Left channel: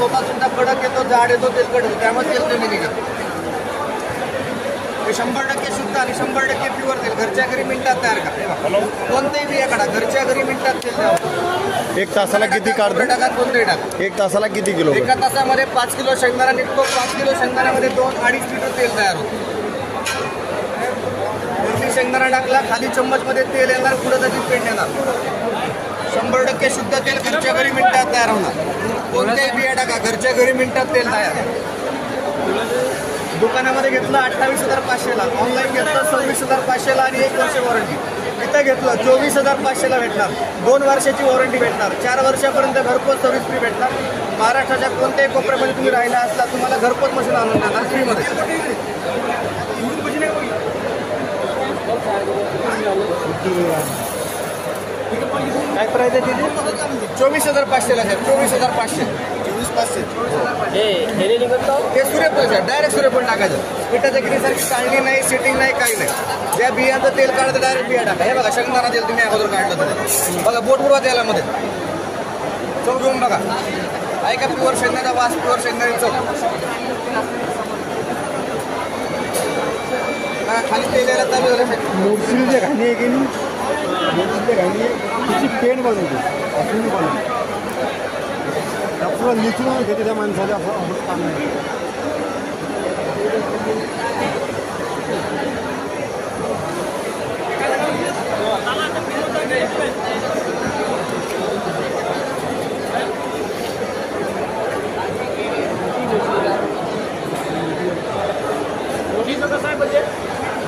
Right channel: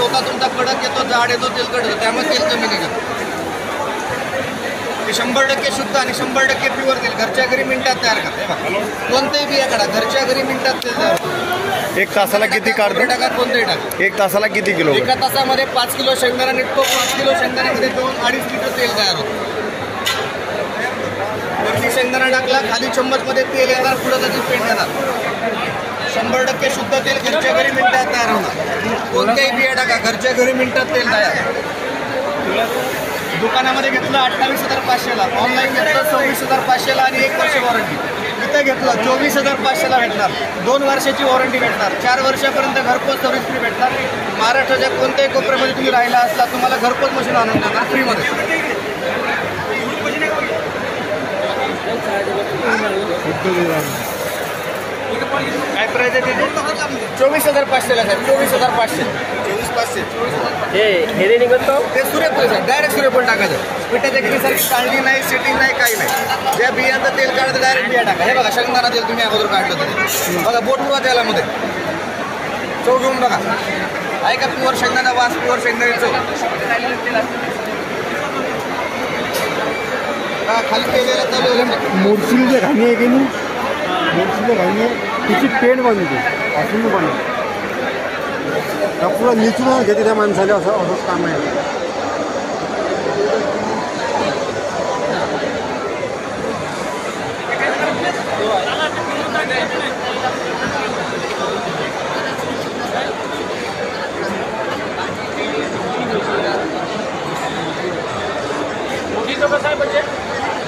स्वतः तुमचा कडक येतो, जाड येतो, तेलकट येतो, त्यामुळे तेल कमी निघत. ते 100% शुद्ध आणि 100% प्युअर तेल घरच्या घरी मिनिटात तयार करा. कोणतेही बिया काढा, घरच्या घरी मिनिटात तेल तयार. एक तासाला किती काढतो? टाका, कोणतेही टाका. एक तासाला किती किलो? एका तासामध्ये 5 किलो शेंगदाणा निघतो. 5 किलो शेंगदाण्यामध्ये 2-2.5 लिटर तेल तयार होतं. वरती शेंगदाणा टाकला, खाली चम्मचमध्ये तेल येणार, पुढे त्याची पेंट येणार. 100% शुद्ध तेल घरच्या घरी मिनिटात तयार होणार. कोणत्याही बिया टाका, घरच्या घरी मिनिटात तेल तयार. दुकानामध्ये घेतलं 28,500ला, ऑनलाईन घेतलं 26,500ला आणि 1 वर्ष वॉरंटी. इथं घेतलं 24,500ला भेटणार, 2 वर्षाची वॉरंटी भेटणार, 4 वर्षापर्यंत घरपोच सर्व्हिस फ्री भेटणार. महाराष्ट्राच्या कोणत्याही कोपऱ्यामध्ये तुम्ही राहिला असला तुम्हाला घरपोच मशीन आणून देणार फ्रीमध्ये. काय प्राईज आहे त्याची? 24,500ला साहेब, 24,500. 24,500 हे निघतो ते सूर्यफूल साहेब, डायरेक्ट सूर्यफूल टाकायचं. पिठाच्या गिरीसारखी चांगली नाही, सेटिंग नाही, काही नाही. ज्या बियांचं तेल काढतं डायरेक्ट बिया टाका. हे बघा शेंगदाणा तेल तुम्ही अगोदर काढलं तर बघा, बोट उडवा तेलामध्ये, चव घेऊन बघा. आहे का प्युअर शेंगदाणा वास, प्युअर शेंगदाण्याचं खाली तेलाला चालू होईल. मिरची जे घाणी आहे की नाही, मिरची जे घाणी आहे तिची पेंट बनवते, असून बनवते. पुढं लिचून घेते त्या माणसाला, असंच काम आहे.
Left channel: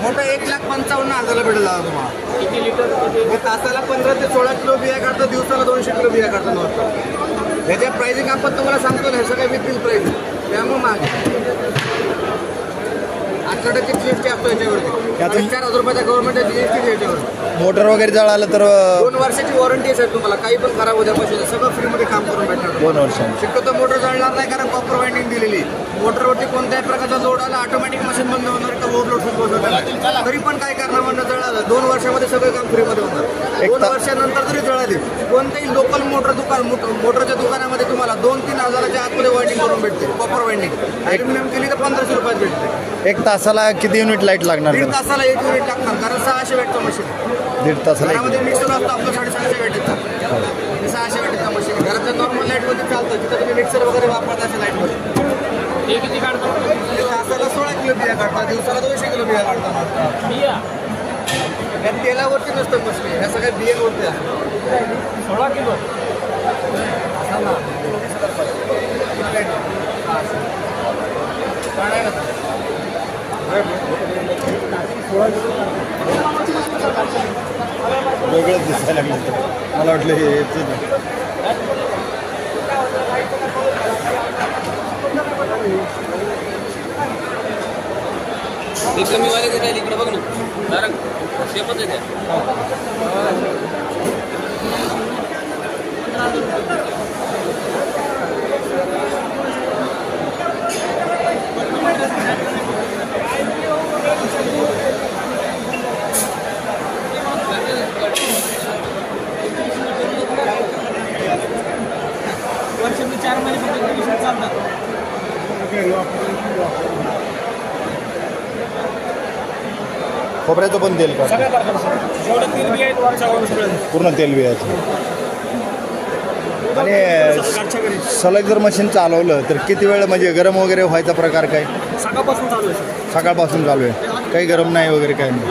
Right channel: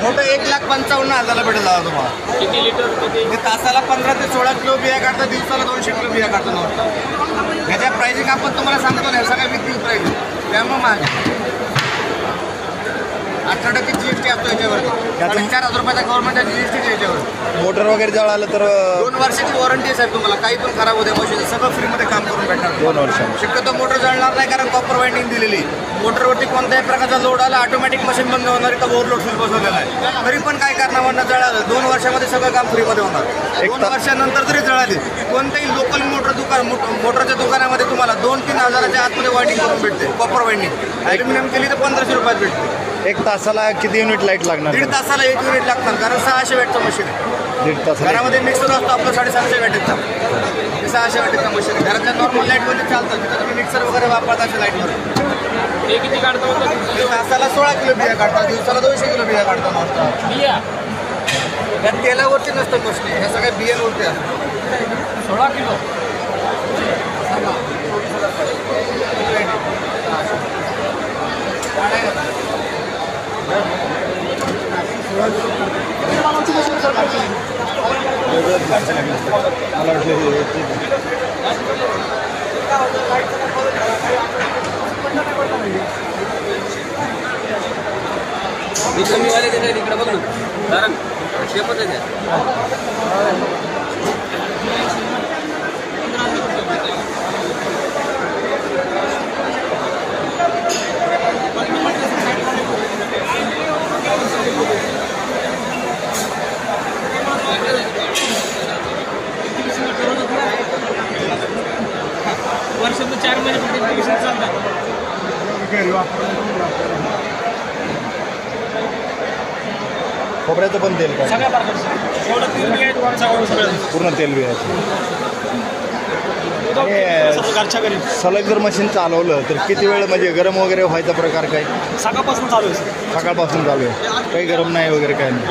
मोठं 1,55,000ला भेटेल दादा तुम्हाला. किती लिटर? तासाला 15 ते 16 किलो बिया काढतात, दिवसाला 200 किलो बिया काढतात नव्हतं. ह्याच्या प्राइसिंग आपण तुम्हाला सांगतो ना, सगळं विथ प्राइस, त्यामुळे महाग. 18% GST असतो याच्यावरती. 4,000 रुपयाचा गव्हर्नमेंटचा GST याच्यावर. मोटर वगैरे जळालं तर 2 वर्षाची वॉरंटी आहे साहेब तुम्हाला. काही पण खराब होत्या मशीन सगळं फ्रीमध्ये काम करून भेटणार. 2 वर्ष. शक्यतो मोटर जळणार नाही, कारण कॉपर वाइंडिंग दिलेली. मोटरवरती कोणत्याही प्रकारचा लोड आला ऑटोमॅटिक मशीन बंद होणार, का ओव्हरलोड फुल बसवलेला आहे. तरी पण काही कारणावरून जळालं, 2 वर्षामध्ये सगळं काम फ्रीमध्ये होणार. 2 वर्षानंतर जरी जळाली, कोणत्याही लोकल मोटरच्या दुकानामध्ये तुम्हाला 2-3 हजाराच्या आतमध्ये वाइंडिंग करून भेटते. कॉपर वाइंडिंग ॲल्युमिनियम केली तर 1500 रुपयात भेटते. 1 तासाला किती युनिट लाईट लागणार? 1.5 तासाला 1 युनिट लागणार, कारण 600 वॅटचं मशीन आहे. 1.5 तास घरामध्ये मिक्सर असतो आपलं 750 वॅटेचा, 600 वॅटेचा मशीन आहे. घराच्या नॉर्मल लाईटमध्ये चालतं, तिथं तुम्ही मिक्सर वगैरे वापरता अशा लाईटमध्ये. हे किती काढतो? तासाला 16 किलो बिया काढतात, दिवसाला 200 किलो बिया काढतात. बिया या तेलावरती नसतं मशीन, ह्या सगळ्या बियांवरती असतात. 16 किलो वेगळंच दिसायला मला वाटलं हे कमीवाले देत आहेत इकडे बघ ना, कारण शेपच आहे त्या. वर्षातून 4 महिने फक्त चालतात. खोबऱ्याचं पण तेल का? सगळ्या पूर्ण तेल बी आहे. आणि सलग जर मशीन चालवलं तर किती वेळ म्हणजे गरम वगैरे व्हायचा प्रकार काय? सकाळपासून चालू आहे. सकाळपासून चालू आहे, काही गरम नाही वगैरे काही नाही.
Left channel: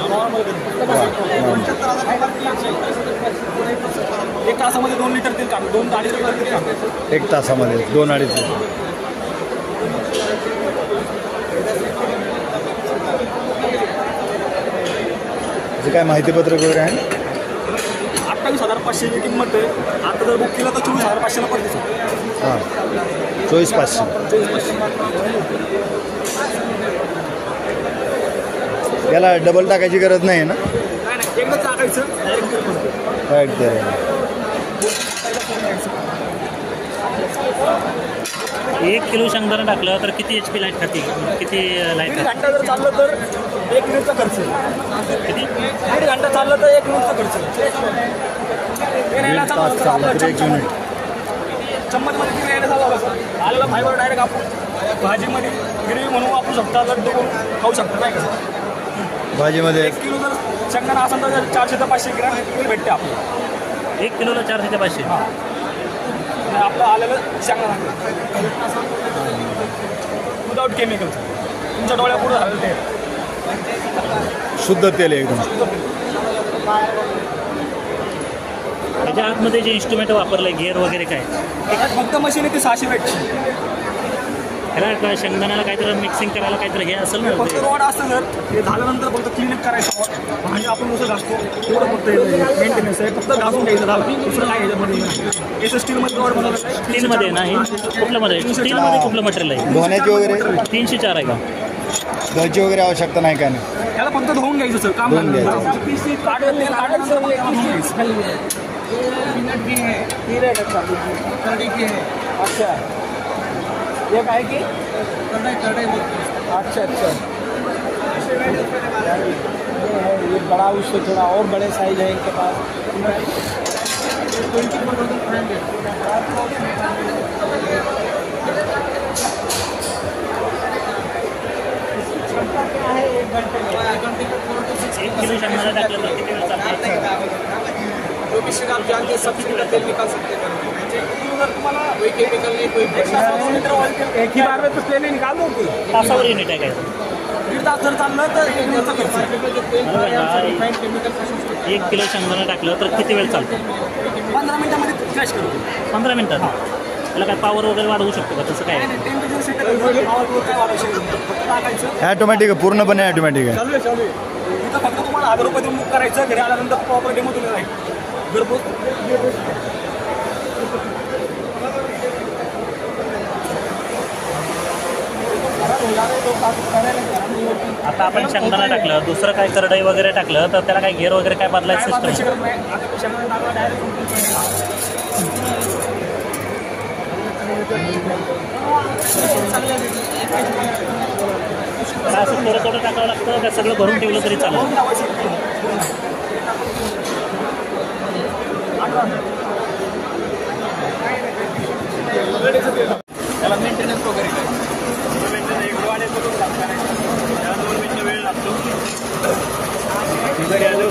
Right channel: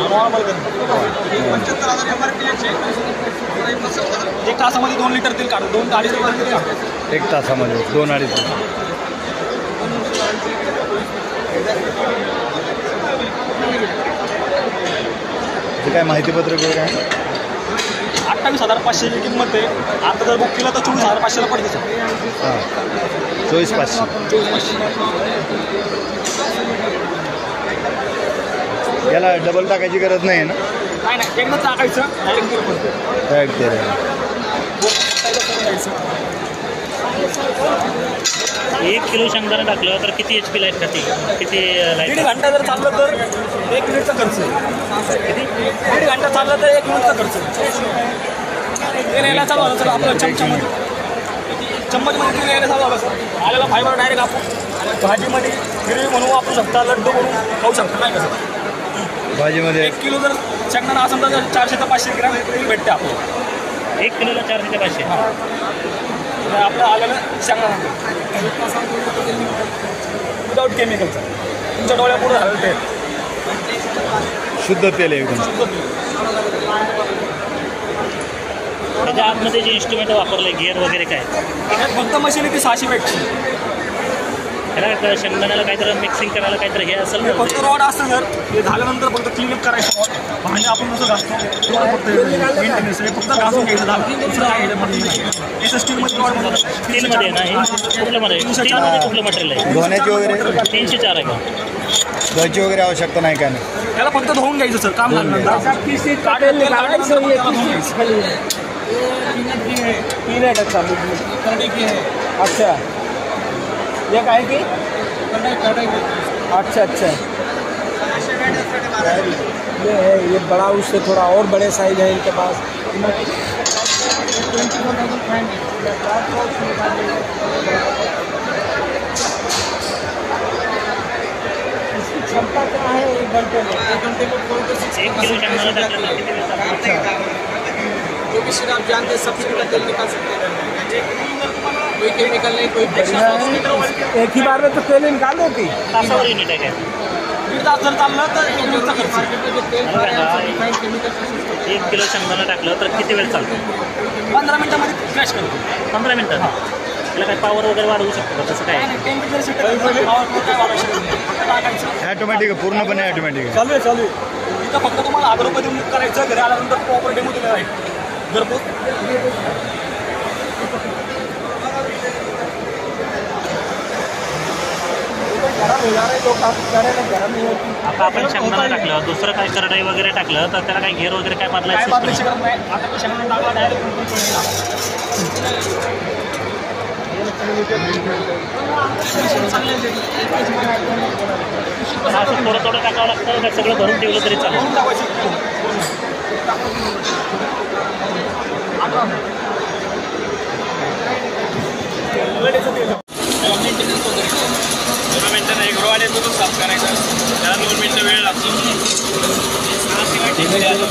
1 तासामध्ये 2 लिटर तेल काढतो, 2-2.5 लिटर तेल काढतो. 1 तासामध्ये 2-2.5 लिटर. काय माहितीपत्रक वगैरे आहे? 28,500ची किंमत आहे. आता जर बुक केला तर 24,500ला पडते सर. हां, 24,500. 24,500. याला डबल टाकायची गरज नाही ना? नाही, एकदा टाकायचं, डायरेक्ट तेल पडतं. डायरेक्ट तेल. 1 किलो शेंगदाणा टाकला तर किती HP लाईट खाते? किती लाईट? 1.5 घंटा जर चाललं तर 1 मिनिटचा खर्च आहे. किती? 1.5 घंटा चाललं तर 1 मिनिटचा खर्च आहे. ते न्यायला चालू झालं तर आपलं चमच्यामध्ये चम्मचमध्ये तेल यायला चालू झालं सर. आलेला फायबर डायरेक्ट आपण भाजीमध्ये ग्रेव्ही म्हणून वापरू शकता, लड्डू करून खाऊ शकता, नाही का सर. भाजीमध्ये 1 किलो जर शेंगदाणा असेल तर 400 ते 500 ग्रॅम तेल भेटते आपल्याला. 1 किलोला 400 ते 500. हां, आपलं आलेलं शेंगदाणा विदाऊट केमिकलचं, तुमच्या डोळ्यापुढं झालेलं तेल, शुद्ध तेल आहे एकदम. शुद्ध तेल. त्याच्या आतमध्ये जे इन्स्ट्रुमेंट वापरलं गिअर वगैरे काय, त्यात फक्त मशीन आहे ती 600 वॅटची. त्याला शेंगदाण्याला काहीतरी मिक्सिंग करायला काहीतरी हे असेल हे ना, फक्त रॉड असतं सर. हे झाल्यानंतर फक्त क्लीनअप करायचं रॉड, भांडे आपण जसं घासतो तेवढं फक्त मेंटेनन्स आहे. फक्त घासून घ्यायचं झालं, दुसरं काय याच्यामध्ये नाही. एस स्टीलमध्ये रॉड म्हणून स्टीलमध्ये ना हे कुठलं मध्ये, स्टीलमध्ये कुठलं मटेरियल आहे? धुण्याची वगैरे 304 आहे का? धुवायची वगैरे आवश्यकता नाही काय नाही. त्याला फक्त धुवून घ्यायचं सर, काम झाल्यानंतर काढलं तेल काढल्यानंतर मग त्याला धुवून घ्यायचं. अच्छा, ये काय की कढ़ाई अच्छा अच्छा, ये है, ये बड़ा, उससे थोड़ा और बड़े साइज है इनके पास. इसकी क्षमता कितना है? 1 घंटे में 1 किलो शेंगदाणा टाकलं तर किती वेळ चालतं? जो भी सीड आप जानते हैं सब सीड का तेल निकाल सकते हैं. कोई केमिकल नहीं, कोई एक ही बार में तो तेल निकालो की. तासावर युनिट आहे काय? 1.5 तास जर चाललं तर 1 किलोचा खर्च. 1 किलो शेंगदाणा टाकलं तर किती वेळ चालतं? 15 मिनिटामध्ये क्रॅश करतो. 15 मिनिटं. त्याला काय पावर वगैरे वाढवू शकतो का? तसं काय? काय नाही, टेम्परेचर सेट करायचं, पावर काय वाढवू शकत नाही. फक्त टाकायचं. ॲटोमॅटिक आहे, पूर्णपणे ॲटोमॅटिक आहे. चालू आहे. इथं फक्त तुम्हाला 1000 रुपये देऊन बुक करायचं, घरी आल्यानंतर प्रॉपर डेमो तुम्ही राहील घरपोच. आता आपण शेंगदाणा टाकलं, दुसरं काय करडई वगैरे टाकलं तर त्याला काय घेर वगैरे काय काय बदलायचं बदलायची system? गरज नाही. आता शेंगदाणा टाकला डायरेक्ट असं थोडं थोडं टाकावं लागतं का सगळं भरून ठेवलं तरी चालेल? भरून टाकायचं. त्याला मेंटेनन्स वगैरे मेंटेनन्स एक रॉड येतो तो साफ करायचा, त्याला 2 मिनिटं वेळ लागतो. घरी आलो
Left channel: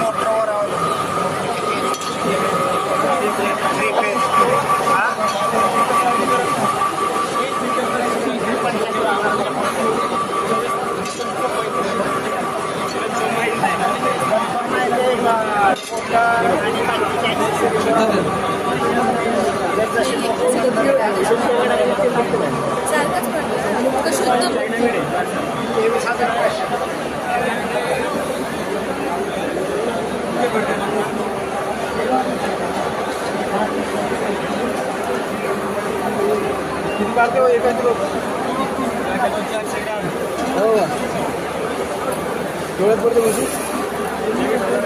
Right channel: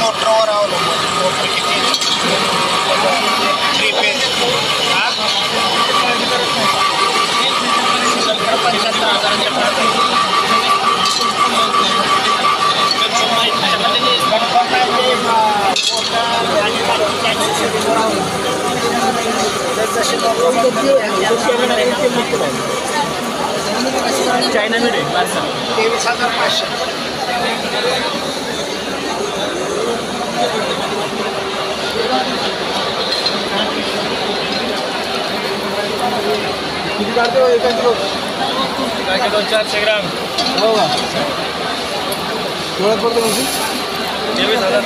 मोटरवर अवलंबून मोटर किती 3 फेज चायना मिळेल 23,500. किती काढते हो 1 किलो? 400 ग्राम. हो, तेवढ्यात पडतो म्हणजे 23,000.